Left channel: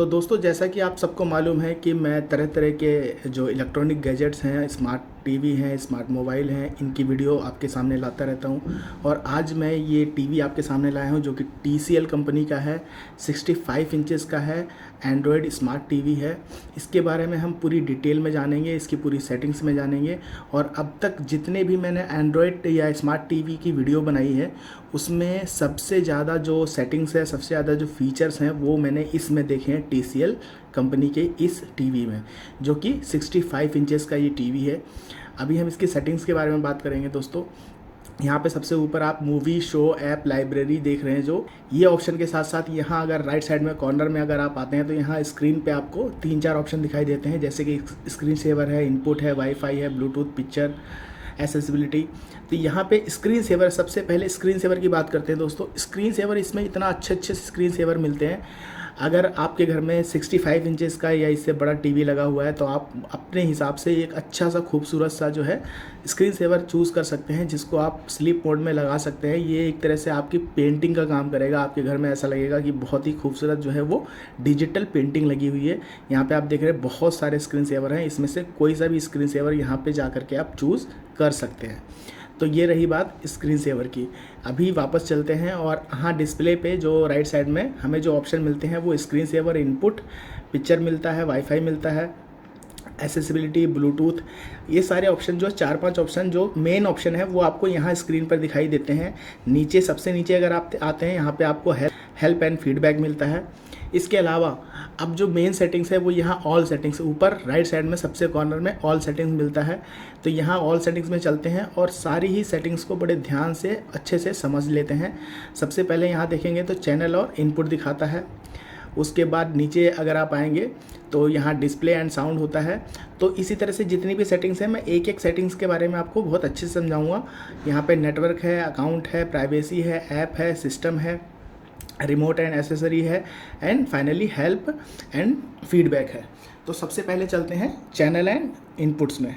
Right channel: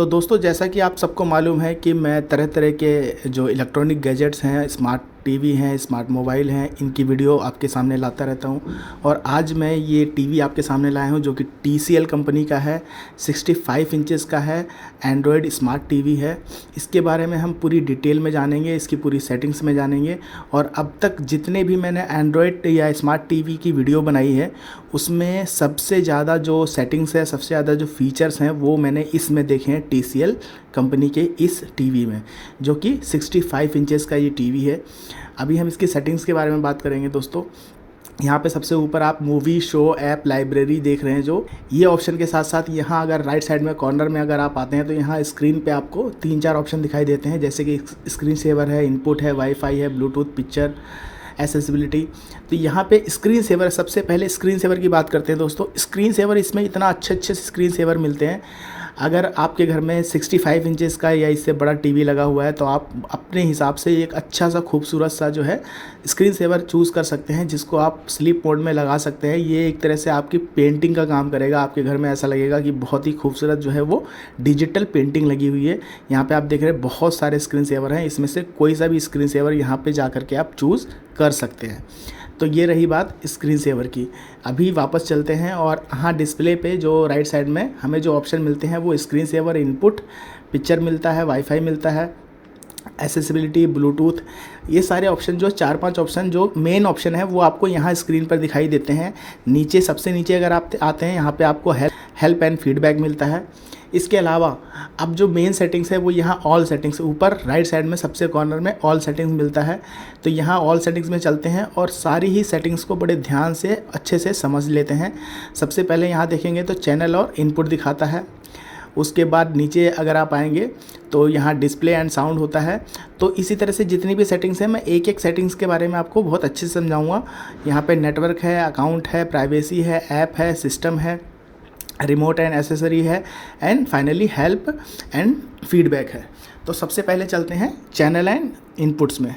तो दोस्तों, जैसा कि आप सबको मालूम है कि मैं तरह तरह के जो इलेक्ट्रॉनिक गैजेट्स हैं, स्मार्ट टीवी हैं, स्मार्ट मोबाइल हैं, इनकी वीडियो आपके सामने लाता रहता हूं। और आज मैं ये टीवी आपके सामने लाया हूं जो कि TCL कंपनी का है, 65 इंचेस का है, एंड्रॉयड स्मार्ट टीवी है। इसके बारे में हम पूरी डिटेल में जानेंगे, इसकी पूरी सेटिंग्स में जानेंगे। और अब तक जितने भी मैंने एंड्रॉयड या स्मार्ट टीवी की वीडियो बनाई है, उसमें सबसे ज़्यादा जो सेटिंग्स है, सबसे ज़्यादा जो फीचर्स हैं, वो मैंने इसमें देखे हैं TCL कंपनी के इस टीवी में, जो कि 65 इंचेस का ये टीवी है। अभी हम इसकी सेटिंग्स के बारे में बात करेंगे दोस्तों। यहाँ पे सबसे ऊपर आप मूवी, शो, ऐप, लाइब्रेरी देख रहे हैं। जो ये ऑप्शन के साथ साथ यहाँ अगर राइट साइड में कॉर्नर में अगर आप आते हैं तो यहाँ स्क्रीन पे आपको 3-4 ऑप्शन दिखाई देते हैं, जैसे कि स्क्रीन सेवर है, इनपुट है, वाईफाई है, ब्लूटूथ, पिक्चर, एक्सेसिबिलिटी। तो यहाँ पे स्क्रीन सेवर, सबसे पहले स्क्रीन सेवर की बात करते हैं दोस्तों। स्क्रीन सेवर, इसमें इतना अच्छे स्क्रीन सेवर मिलते हैं। अगर आपके घर में 65 इंचेस का या इससे बड़ा टीवी लगा हुआ है तो आप अपने हिसाब से एक अच्छा सा खूबसूरत सा जो है स्क्रीन सेवर चूज़ कर सकते हैं, जिसको आप स्लीप मोड में लगा सकते हैं। ये एक तरह से आपकी पेंटिंग का काम करेगा। आपके घर में ऐसा लगेगा कि बहुत ही खूबसूरत जो है वो डिजिटल पेंटिंग लगी हुई है। यहाँ पे आप देख रहे हैं बहुत सारे स्क्रीन सेवर हैं, इसमें से कोई सा भी स्क्रीन सेवर यहाँ पे जा कर के आप चूज़ कर सकते हैं। तो ये रही बात स्क्रीन सेवर की। अभी वापस चलते हैं और हाँ, डिस्प्ले पे जो राइट साइड में हमें जो ऑप्शन मिलते हैं वो स्क्रीन सेवर, इनपुट, पिक्चर मिलता है, वाईफाई मिलता है, एक्सेसिबिलिटी, ब्लूटूथ, ये सारे ऑप्शन जो 4-5 ऑप्शन जो मेन ऑप्शन है वो आपको यहाँ स्क्रीन पर दिखाई देते हैं। नीचे, सबसे नीचे अगर आप आते हैं, यहाँ पे आपको हेल्प एंड फीडबैक मिलता है। इसके अलावा अब जो मेन सेटिंग्स है वो यहाँ ऑल सेटिंग्स, ऊपर राइट साइड में सबसे कॉर्नर में ऑल सेटिंग्स मिलता है। तो यहाँ ऑल सेटिंग्स में चलते हैं और सारी ही सेटिंग्स को बड़े ध्यान से अच्छे से समझ लेते हैं। सबसे पहले यहाँ देखेंगे तो चैनल और इनपुट दिखाता है। उसके बाद नीचे अगर आप आएंगे तो यहाँ डिस्प्ले एंड साउंड होता है। तो इसी तरह से जितनी भी सेटिंग्स हैं, मैं एक एक सेटिंग्स के बारे में आपको बहुत अच्छे से समझाऊँगा। यहाँ पर नेटवर्क है, अकाउंट है, प्राइवेसी है, ऐप है, सिस्टम है, रिमोट एंड एसेसरी है, and finally help and feedback है। तो सबसे पहले चलते हैं चैनल एंड इनपुट्स में।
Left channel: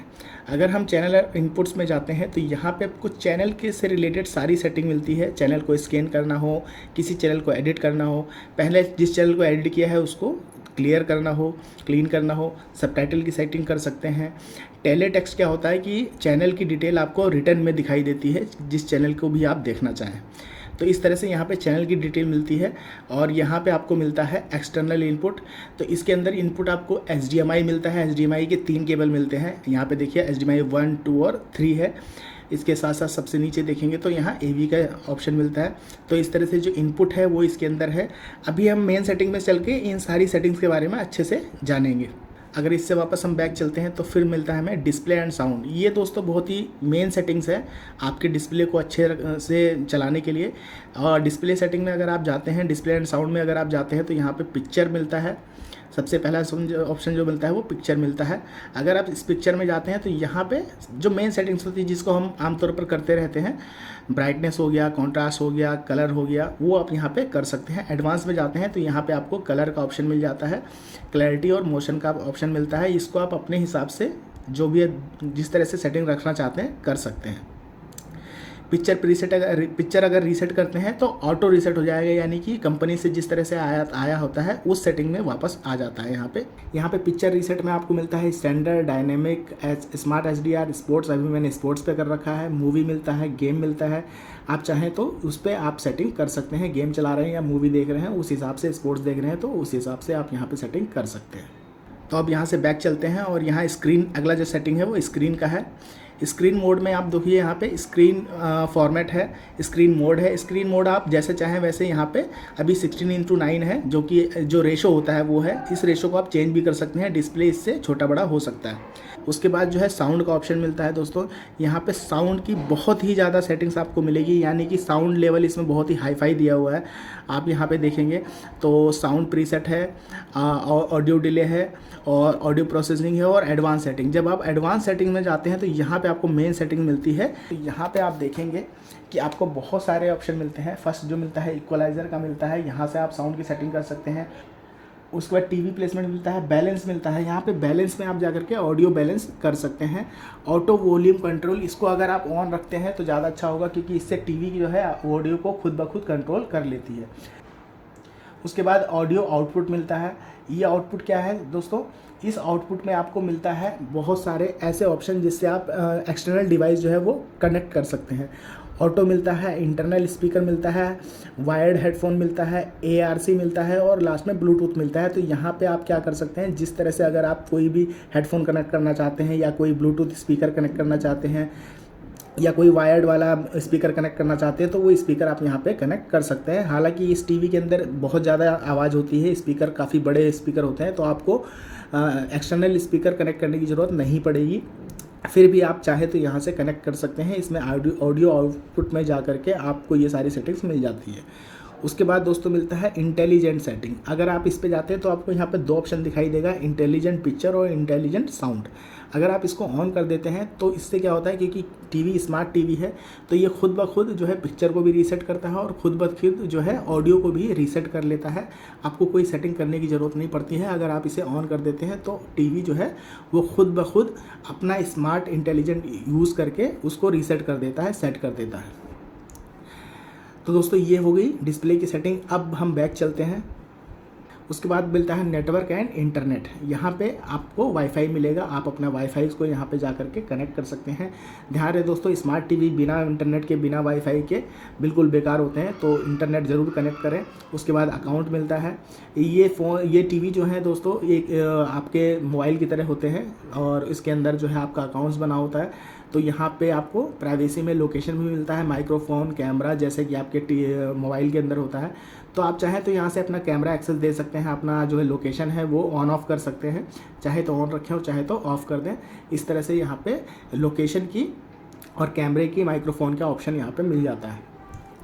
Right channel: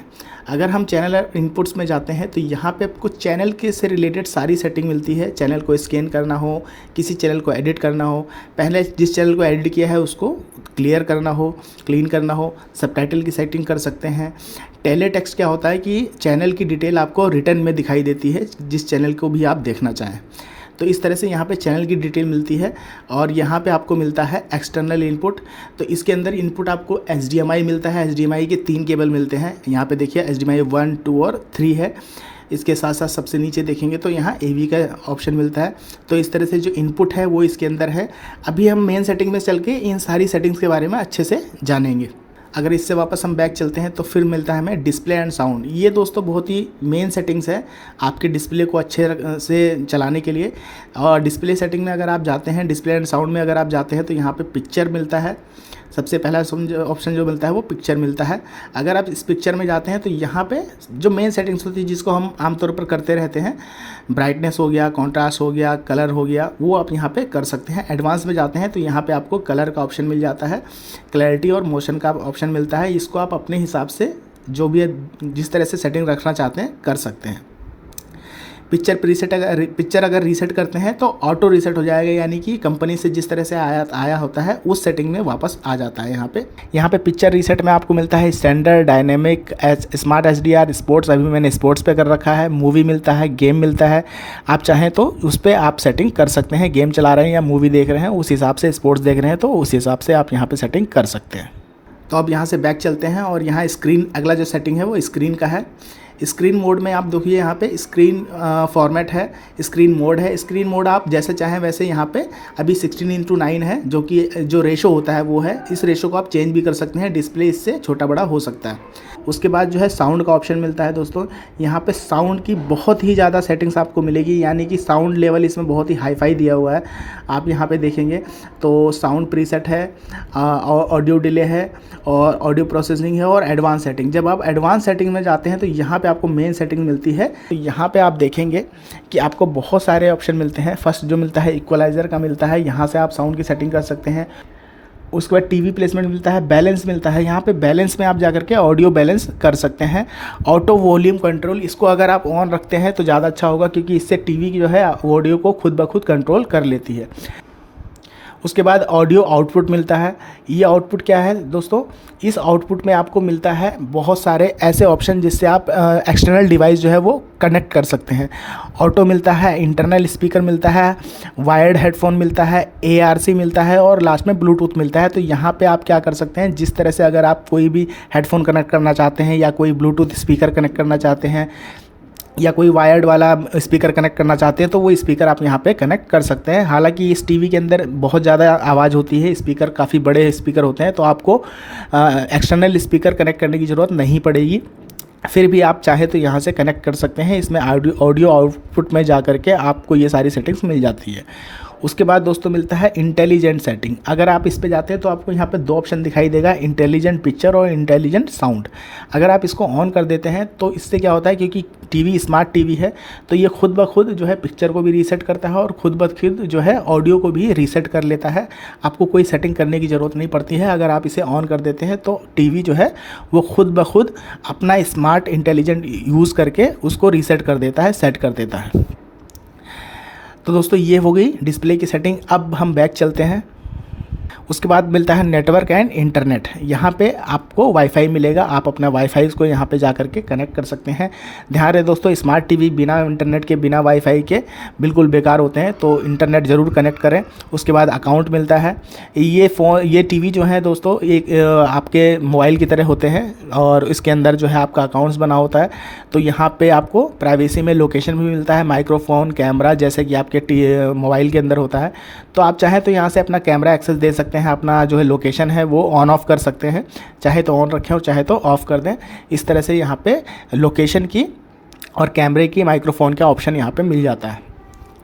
अगर हम चैनल और इनपुट्स में जाते हैं तो यहाँ पे आपको चैनल के से रिलेटेड सारी सेटिंग मिलती है। चैनल को स्कैन करना हो, किसी चैनल को एडिट करना हो, पहले जिस चैनल को एडिट किया है उसको क्लियर करना हो, क्लीन करना हो, सबटाइटल की सेटिंग कर सकते हैं। टेलीटेक्स्ट क्या होता है कि चैनल की डिटेल आपको रिटर्न में दिखाई देती है, जिस चैनल को भी आप देखना चाहें। तो इस तरह से यहाँ पे चैनल की डिटेल मिलती है। और यहाँ पे आपको मिलता है एक्सटर्नल इनपुट। तो इसके अंदर इनपुट आपको HDMI मिलता है। HDMI के 3 केबल मिलते हैं। यहाँ पे देखिए HDMI 1, 2 और 3 है। इसके साथ साथ सबसे नीचे देखेंगे तो यहाँ AV का ऑप्शन मिलता है। तो इस तरह से जो इनपुट है वो इसके अंदर है। अभी हम मेन सेटिंग में चल के इन सारी सेटिंग्स के बारे में अच्छे से जानेंगे। अगर इससे वापस हम बैक चलते हैं तो फिर मिलता है हमें डिस्प्ले एंड साउंड। ये दोस्तों बहुत ही मेन सेटिंग्स है आपके डिस्प्ले को अच्छे से चलाने के लिए। और डिस्प्ले सेटिंग में अगर आप जाते हैं, डिस्प्ले एंड साउंड में अगर आप जाते हैं तो यहाँ पे पिक्चर मिलता है। सबसे पहला ऑप्शन जो मिलता है वो पिक्चर मिलता है। अगर आप इस पिक्चर में जाते हैं तो यहाँ पे जो मेन सेटिंग्स होती है, जिसको हम आमतौर पर करते रहते हैं, ब्राइटनेस हो गया, कॉन्ट्रास्ट हो गया, कलर हो गया, वो आप यहाँ पे कर सकते हैं। एडवांस में जाते हैं तो यहाँ पे आपको कलर का ऑप्शन मिल जाता है, क्लैरिटी और मोशन का ऑप्शन मिलता है। इसको आप अपने हिसाब से जो भी जिस तरह से सेटिंग रखना चाहते हैं कर सकते हैं। पिक्चर अगर रीसेट करते हैं तो ऑटो रीसेट हो जाएगा, यानी कि कंपनी से जिस तरह से आया होता है उस सेटिंग में वापस आ जाता है। यहाँ पे पिक्चर रीसेट में आपको मिलता है standard, dynamic, smart HDR, sports, अभी मैंने स्पोर्ट्स पे कर रखा है, मूवी मिलता है, गेम मिलता है। आप चाहें तो उस पर आप सेटिंग कर सकते हैं। गेम चला रहे हैं या मूवी देख रहे हैं उस हिसाब से, स्पोर्ट्स देख रहे हैं तो उस हिसाब से आप यहाँ पर सेटिंग कर सकते हैं। तो अब यहाँ से बैक चलते हैं और यहाँ स्क्रीन, अगला जो सेटिंग है वो स्क्रीन का है। स्क्रीन मोड में आप देखिए यहाँ पे स्क्रीन फॉर्मेट है, स्क्रीन मोड है। स्क्रीन मोड आप जैसे चाहें वैसे यहाँ पे अभी 16:9 है, जो कि जो रेशो होता है वो है। इस रेशो को आप चेंज भी कर सकते हैं, डिस्प्ले इससे छोटा बड़ा हो सकता है। उसके बाद जो है साउंड का ऑप्शन मिलता है दोस्तों। यहाँ पे साउंड की बहुत ही ज़्यादा सेटिंग्स आपको मिलेगी, यानी कि साउंड लेवल इसमें बहुत ही हाई-फाई दिया हुआ है। आप यहाँ पे देखेंगे तो साउंड प्रीसेट है, ऑडियो डिले है, और ऑडियो प्रोसेसिंग है, और एडवांस सेटिंग। जब आप एडवांस सेटिंग में जाते हैं तो यहाँ पे आपको मेन सेटिंग मिलती है। तो यहाँ पे आप देखेंगे कि आपको बहुत सारे ऑप्शन मिलते हैं। फर्स्ट जो मिलता है इक्वलाइज़र का मिलता है, यहाँ से आप साउंड की सेटिंग कर सकते हैं। उसके बाद टीवी प्लेसमेंट मिलता है, बैलेंस मिलता है। यहाँ पे बैलेंस में आप जाकर के ऑडियो बैलेंस कर सकते हैं। ऑटो वॉल्यूम कंट्रोल, इसको अगर आप ऑन रखते हैं तो ज़्यादा अच्छा होगा, क्योंकि इससे टीवी की जो है ऑडियो को खुद ब खुद कंट्रोल कर लेती है। उसके बाद ऑडियो आउटपुट मिलता है। ये आउटपुट क्या है दोस्तों, इस आउटपुट में आपको मिलता है बहुत सारे ऐसे ऑप्शन जिससे आप एक्सटर्नल डिवाइस जो है वो कनेक्ट कर सकते हैं। ऑटो मिलता है, इंटरनल स्पीकर मिलता है, वायर्ड हेडफोन मिलता है, ARC मिलता है और लास्ट में ब्लूटूथ मिलता है। तो यहाँ पे आप क्या कर सकते हैं, जिस तरह से अगर आप कोई भी हेडफोन कनेक्ट करना चाहते हैं या कोई ब्लूटूथ स्पीकर कनेक्ट करना चाहते हैं या कोई वायर्ड वाला स्पीकर कनेक्ट करना चाहते हैं तो वो स्पीकर आप यहाँ पे कनेक्ट कर सकते हैं। हालांकि इस टीवी के अंदर बहुत ज़्यादा आवाज़ होती है, स्पीकर काफ़ी बड़े स्पीकर होते हैं, तो आपको एक्सटर्नल स्पीकर कनेक्ट करने की ज़रूरत नहीं पड़ेगी। फिर भी आप चाहे तो यहाँ से कनेक्ट कर सकते हैं। इसमें ऑडियो आउटपुट में जा कर के आपको ये सारी सेटिंग्स मिल जाती है। उसके बाद दोस्तों मिलता है इंटेलिजेंट सेटिंग। अगर आप इस पे जाते हैं तो आपको यहाँ पे 2 ऑप्शन दिखाई देगा, इंटेलिजेंट पिक्चर और इंटेलिजेंट साउंड। अगर आप इसको ऑन कर देते हैं तो इससे क्या होता है, क्योंकि टीवी स्मार्ट टीवी है तो ये खुद ब खुद जो है पिक्चर को भी रीसेट करता है और खुद ब खुद जो है ऑडियो को भी रीसेट कर लेता है। आपको कोई सेटिंग करने की ज़रूरत नहीं पड़ती है। अगर आप इसे ऑन कर देते हैं तो टीवी जो है वो खुद ब खुद अपना स्मार्ट इंटेलिजेंट यूज़ करके उसको रीसेट कर देता है, सेट कर देता है। तो दोस्तों ये हो गई डिस्प्ले की सेटिंग। अब हम बैक चलते हैं। उसके बाद मिलता है नेटवर्क एंड इंटरनेट। यहाँ पे आपको वाईफाई मिलेगा, आप अपना वाईफाई को यहाँ पे जा कर के कनेक्ट कर सकते हैं। ध्यान रहे दोस्तों, स्मार्ट टीवी बिना इंटरनेट के, बिना वाईफाई के बिल्कुल बेकार होते हैं, तो इंटरनेट ज़रूर कनेक्ट करें। उसके बाद अकाउंट मिलता है। ये टीवी जो है दोस्तों एक आपके मोबाइल की तरह होते हैं और इसके अंदर जो है आपका अकाउंट्स बना होता है। तो यहाँ पे आपको प्राइवेसी में लोकेशन भी मिलता है, माइक्रोफोन, कैमरा, जैसे कि आपके मोबाइल के अंदर होता है। तो आप चाहें तो यहाँ से अपना कैमरा एक्सेस दे सकते हैं, अपना जो है लोकेशन है वो ऑन ऑफ कर सकते हैं, चाहे तो ऑन रखें और चाहे तो ऑफ़ कर दें। इस तरह से यहाँ पे लोकेशन की और कैमरे की, माइक्रोफोन का ऑप्शन यहाँ पे मिल जाता है।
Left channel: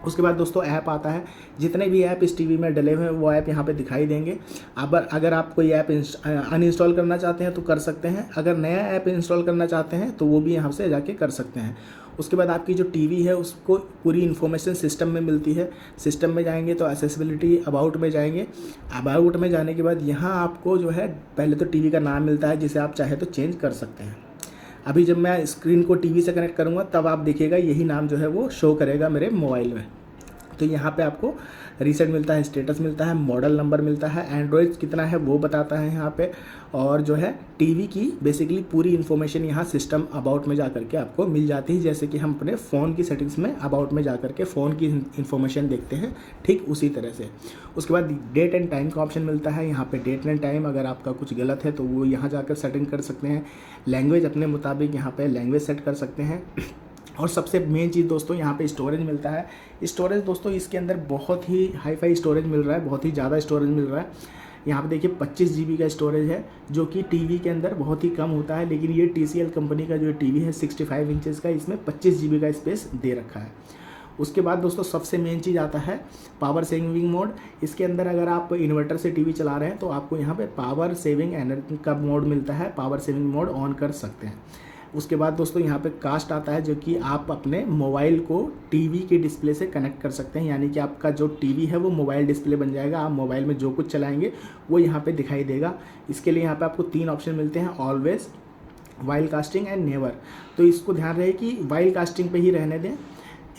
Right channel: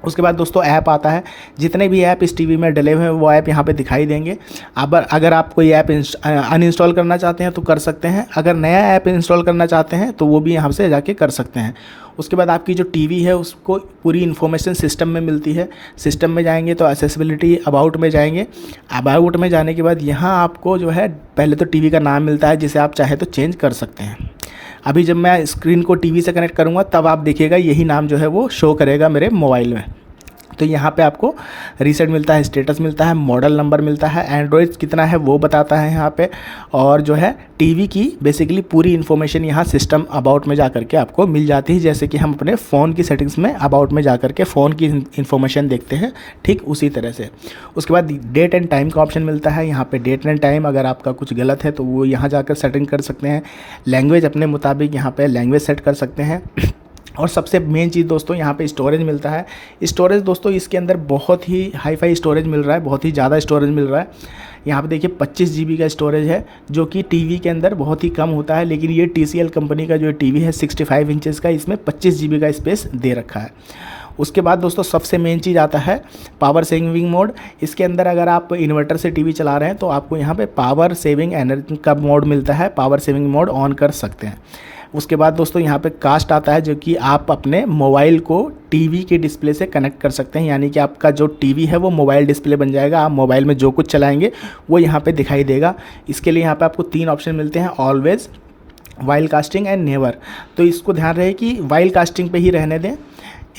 उसके बाद दोस्तों ऐप आता है। जितने भी ऐप इस टीवी में डले हुए हैं वो ऐप यहाँ पे दिखाई देंगे। अगर आप कोई ऐप अनइंस्टॉल करना चाहते हैं तो कर सकते हैं। अगर नया ऐप इंस्टॉल करना चाहते हैं तो वो भी यहाँ से जाके कर सकते हैं। उसके बाद आपकी जो टीवी है उसको पूरी इन्फॉर्मेशन सिस्टम में मिलती है। सिस्टम में जाएंगे तो एक्सेसिबिलिटी, अबाउट में जाएंगे। अबाउट में जाने के बाद यहाँ आपको जो है पहले तो टीवी का नाम मिलता है, जिसे आप चाहे तो चेंज कर सकते हैं। अभी जब मैं स्क्रीन को टीवी से कनेक्ट करूँगा तब आप देखिएगा यही नाम जो है वो शो करेगा मेरे मोबाइल में। तो यहाँ पे आपको रीसेट मिलता है, स्टेटस मिलता है, मॉडल नंबर मिलता है, एंड्रॉयड कितना है वो बताता है यहाँ पे, और जो है टीवी की बेसिकली पूरी इन्फॉर्मेशन यहाँ सिस्टम अबाउट में जा कर के आपको मिल जाती है। जैसे कि हम अपने फ़ोन की सेटिंग्स में अबाउट में जा कर के फ़ोन की इन्फॉर्मेशन देखते हैं, ठीक उसी तरह से। उसके बाद डेट एंड टाइम का ऑप्शन मिलता है। यहाँ पे डेट एंड टाइम अगर आपका कुछ गलत है तो वो यहाँ जाकर सेटिंग कर सकते हैं। लैंग्वेज अपने मुताबिक यहाँ पे लैंग्वेज सेट कर सकते हैं। और सबसे मेन चीज़ दोस्तों यहाँ पे स्टोरेज मिलता है। स्टोरेज दोस्तों इसके अंदर बहुत ही हाई फाई स्टोरेज मिल रहा है, बहुत ही ज़्यादा स्टोरेज मिल रहा है। यहाँ पे देखिए 25 GB का स्टोरेज है, जो कि टीवी के अंदर बहुत ही कम होता है, लेकिन ये TCL कंपनी का जो टीवी है 65 इंचेस का, इसमें 25 GB का स्पेस दे रखा है। उसके बाद दोस्तों सबसे मेन चीज़ आता है पावर सेविंग मोड। इसके अंदर अगर आप इन्वर्टर से टीवी चला रहे हैं तो आपको यहाँ पे पावर सेविंग एनर्जी का मोड मिलता है, पावर सेविंग मोड ऑन कर सकते हैं। उसके बाद दोस्तों यहाँ पे कास्ट आता है, जो कि आप अपने मोबाइल को टीवी के डिस्प्ले से कनेक्ट कर सकते हैं, यानी कि आपका जो टीवी है वो मोबाइल डिस्प्ले बन जाएगा। आप मोबाइल में जो कुछ चलाएंगे वो यहाँ पे दिखाई देगा। इसके लिए यहाँ पे आपको 3 ऑप्शन मिलते हैं, always, while casting and never. तो इसको ध्यान रहे कि वाइल कास्टिंग पे ही रहने दें।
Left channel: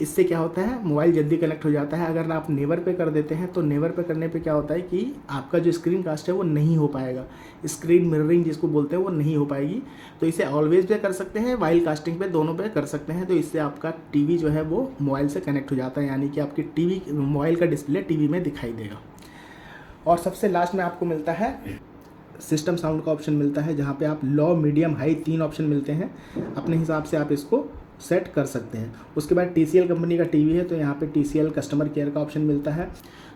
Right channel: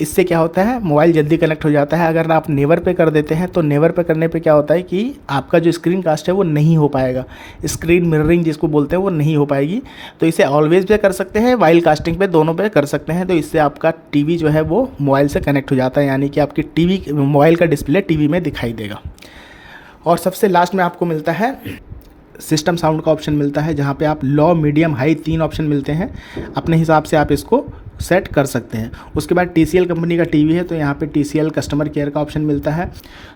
इससे क्या होता है, मोबाइल जल्दी कनेक्ट हो जाता है। अगर आप नेवर पे कर देते हैं तो नेवर पे करने पे क्या होता है कि आपका जो स्क्रीन कास्ट है वो नहीं हो पाएगा, स्क्रीन मिररिंग जिसको बोलते हैं वो नहीं हो पाएगी। तो इसे ऑलवेज पे कर सकते हैं, वाइल कास्टिंग पे, दोनों पे कर सकते हैं। तो इससे आपका टीवी जो है वो मोबाइल से कनेक्ट हो जाता है, यानी कि आपकी टीवी, मोबाइल का डिस्प्ले टीवी में दिखाई देगा। और सबसे लास्ट में आपको मिलता है सिस्टम साउंड का ऑप्शन मिलता है, जहाँ पे आप लो, मीडियम, हाई 3 ऑप्शन मिलते हैं। अपने हिसाब से आप इसको सेट कर सकते हैं। उसके बाद TCL कंपनी का टीवी है तो यहाँ पे TCL कस्टमर केयर का ऑप्शन मिलता है।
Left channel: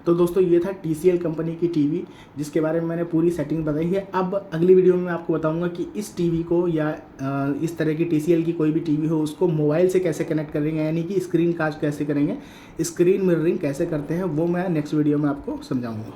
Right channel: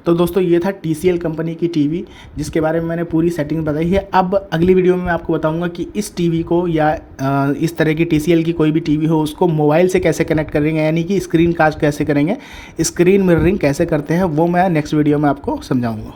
तो दोस्तों ये था TCL कंपनी की टीवी, जिसके बारे में मैंने पूरी सेटिंग बताई है। अब अगली वीडियो में मैं आपको बताऊंगा कि इस टीवी को या इस तरह की TCL की कोई भी टीवी हो उसको मोबाइल से कैसे कनेक्ट करेंगे, यानी कि स्क्रीन कास्ट कैसे करेंगे, स्क्रीन मिररिंग कैसे करते हैं, वो मैं नेक्स्ट वीडियो में आपको समझाऊँगा।